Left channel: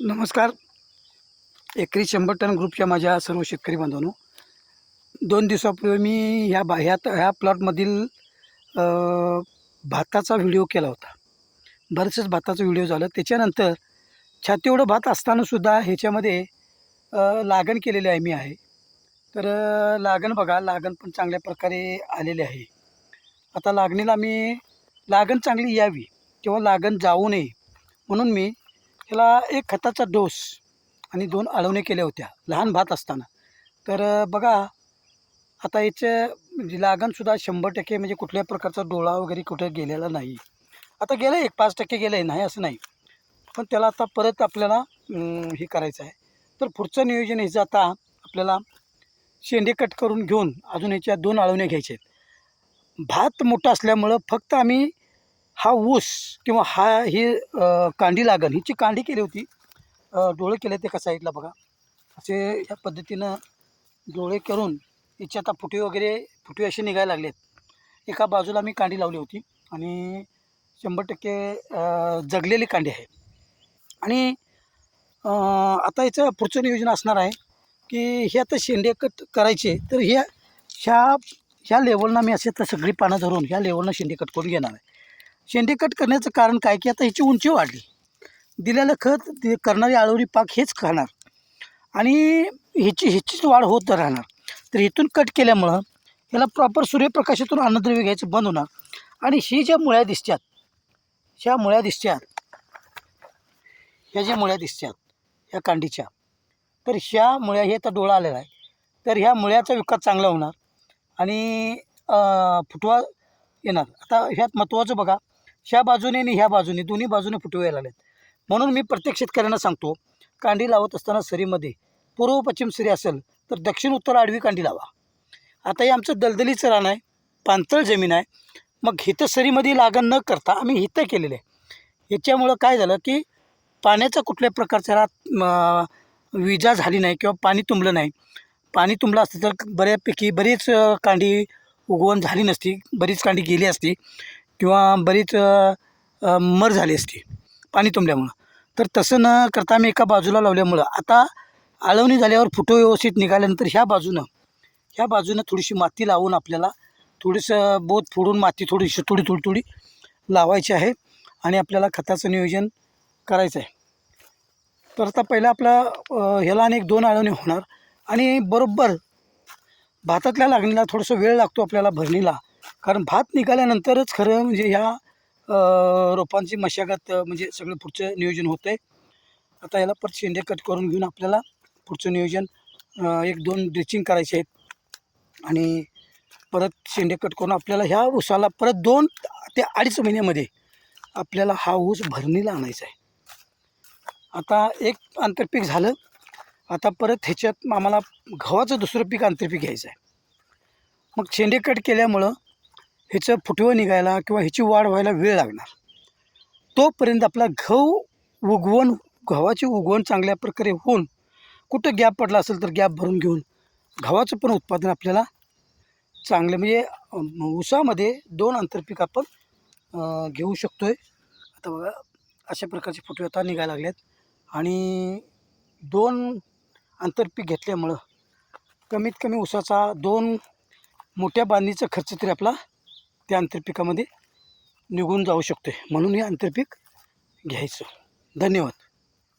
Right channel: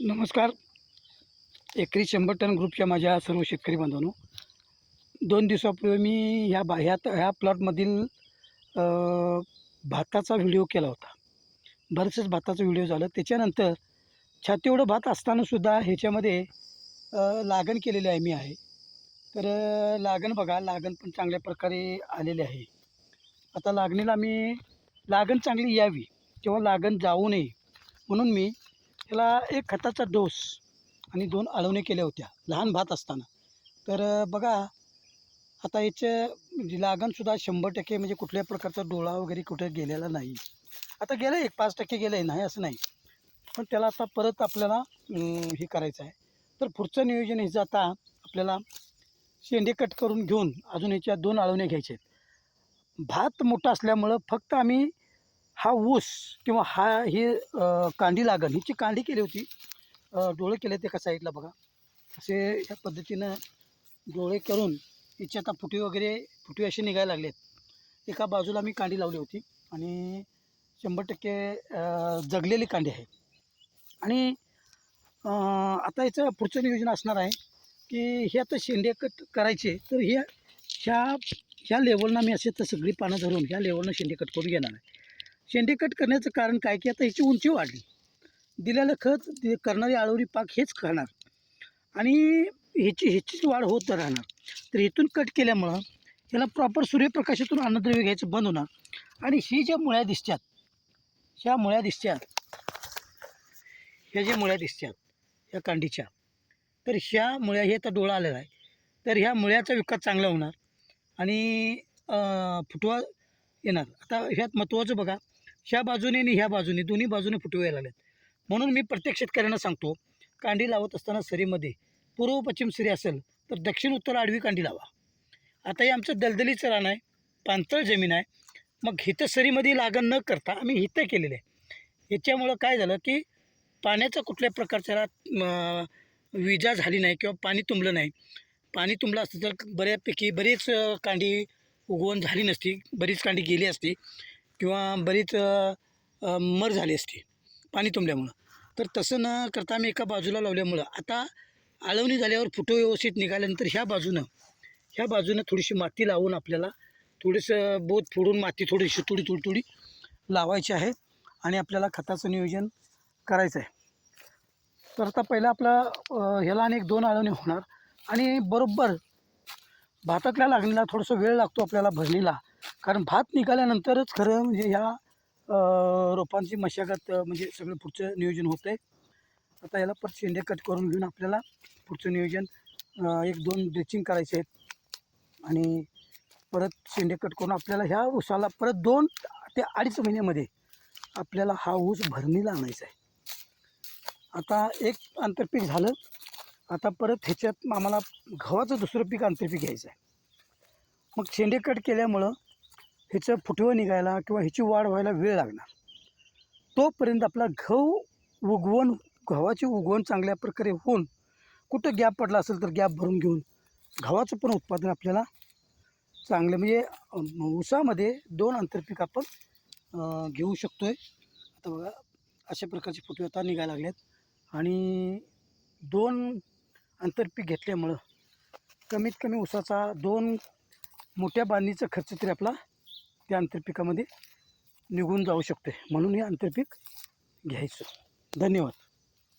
नमस्कार. एकरी शंभर टन ग्रुपच्या माझ्या सर्व शेतकरी बांधवांनो. दोन दिवसापूर्वी मी ह्या बा ह्या ह्या प्लॉटमधील भाताचा व्हिडिओ केला होता. बरेचसेच भाताचा व्हिडिओ झालं. त्याच्यानंतर छाती एवढं भात असतानासुद्धा ह्याच्यामध्ये लागण केलेली आहे मी आहे. तर लागण बघा लागण पण चांगल्या प्रकारे आलेली आहे. आता लागणीला मी लागण चांगली यावी किंवा लागण जाऊ नये म्हणून मी ह्याला एक खताचा डोस आणि दोन आळवणे केल्या होत्या लहान भात असताना. तर बघा आता याचं म्हणजे लागणसुद्धा शंभर टक्के म्हणजे कुठल्याही प्रकारचा डोळा वगैरे कुठं गेलेला नाही. आता गेलं एक पाच टक्के गेलं आहे नाही असं नाही. पण त्याला आता परत आपल्याला हे करायचं आहे. तर पुढचं नियोजन ह्याचं आता आपल्याला शेंडे कट करून घेऊन अजून ह्याच्या दोन आळवण्या घ्यायचे आहेत. भात मोठा असल्यामुळं फक्त आम्ही हा ऊस किंवा हा ही कांडी लागण हिची कांडी केली होती. डोळे केले ते एका साईडला बघा. असे ह्या पद्धतीनं डोळे करून याचे आता फुटे वगैरे फुटे असे निघायला लागलेत एका बाजूला मी कांडी लावली होती आणि शंभर टक्के जगलेली कांडी आहे. आणि आता याचं पुढचं नियोजन असणार आहे की हे आता शेंडे कट करायचे तर ह्या ह्या ह्या लेवलनं मी असे तर सगळी पानं धरून ह्या लेवलनं शेंडे कट करून घेणार आहे. शेंडे कट करण्याचं कारण काय? की आता ह्याची उंची वाढली. दिलेलं खत करणारी आळवरी पाक हेच खाणार. आणि ह्याची ह्याचीच वाढ होत राहणार. तर इथून कट केल्यामुळं ह्याला प्रॉपर सूर्यप्रकाशातून अन्नद्रव्य घ्यायचं बंद होणार. आणि ही ज्या मुळ्या दिसतात ह्या मुळ्या दिसतात ह्या ज्या मुळ्या दिसतात ह्या कांडीच्या तर ह्या मुळ्या हे आता डोळा आलेला आहे. तर ह्या मुळ्याचा विकास चांगला होणार. आणि फुटवा येणार. आता ह्यात महत्त्वाचं बघा ह्या बाजूने आणि ह्या बाजूने दोन्ही बाजूने फुटवे यायला लागलेत. म्हणून मी प्रत्येक शेतकऱ्यांना सांगतो कांडी लावत असताना सरीमध्ये पूर्व पश्चिम सरी असेल तर दक्षिण उत्तर आडवी कांडी लावा. आता हे आमचं दलदलीचं रान आहे पाणथळ जमीन आहे. मग हिथं सरीमध्ये लागण न करता आम्ही हिथं केलेलं आहे. याच्यामुळं काय झालं की पाण्याचा कुठल्या प्रकारचा रात विजा झाली नाही किंवा पाणी तुंबलं नाही. पाणी तुंबलं असतं तर बऱ्यापैकी बरीच कांडी उगवण झाली नसती बरीच कांडी गेली असती. किंवा बरीच मर झाली असती पाणी तुंबल्यामुळं. तर तसं न करता आम्ही एका बाजूला लावल्यामुळं आता आळवणी झाल्यावर फुटो व्यवस्थित निघाल्यानंतर ह्या बाजूनं ह्या बाजूनं थोडीशी माती लावून आपल्याला थोडंसं बोत फोडून माती थोडीशी थोडी थोडी थोडी लावायची आहे आणि आपल्याला खताचं नियोजन करायचं आहे. तर आता पहिलं आपला ह्याला आणि एक दोन आळवणी होणार आणि बरोबर भातातल्या लागणीला थोडंसं वेळ लागतो आपल्याला भरणीला. कारण भात निघाल्यानंतरच खरं म्हणजे ह्या रोपांची मशागत म्हणजे सगळं पुढचं नियोजन होतं आहे आता याला परत शेंडे कट करून घेऊन आपल्याला पुढचं नियोजन एक दोन ड्रिचिंग करायचे आहेत. आणि परत शेंडे कट करून आपल्याला ह्या ऊसाला परत दोन ते अडीच महिन्यामध्ये आपल्याला हा ऊस भरणीला आणायचा आहे. आता एक आंतरपीक झालं. आता परत ह्याच्यात आम्हाला गव्हाचं दुसरं पीक आंतरपीक घ्यायचं आहे. मग शेंडे कट केल्यामुळं ह्याचं फुटवं निघायला किंवा ह्याची वाढ व्हायला वेळ लागणार. तोपर्यंत आपला गहू उगवण गव्हाची उगवण चांगल्या प्रकारे होऊन कुठं गॅप पडला असेल तर गॅप भरून घेऊन गव्हाचं पण उत्पादन आपल्याला चांगलं म्हणजे उसामध्ये दोन आंतरपीक आपण घेऊ शकतो आहे आता बघा अशा प्रकारचे फुटवे आता निघायला लागलेत. आणि दोन आंतरपीक घेतल्यामुळं कमीत कमी उसाचा दोन मोठ्या बांधणीचा खर्च तरी आपला त्या आंतरपिकामध्ये निघून जाऊ शकतो आहे म्हणून हे आंतरपीक घ्यायचं. धन्यवाद.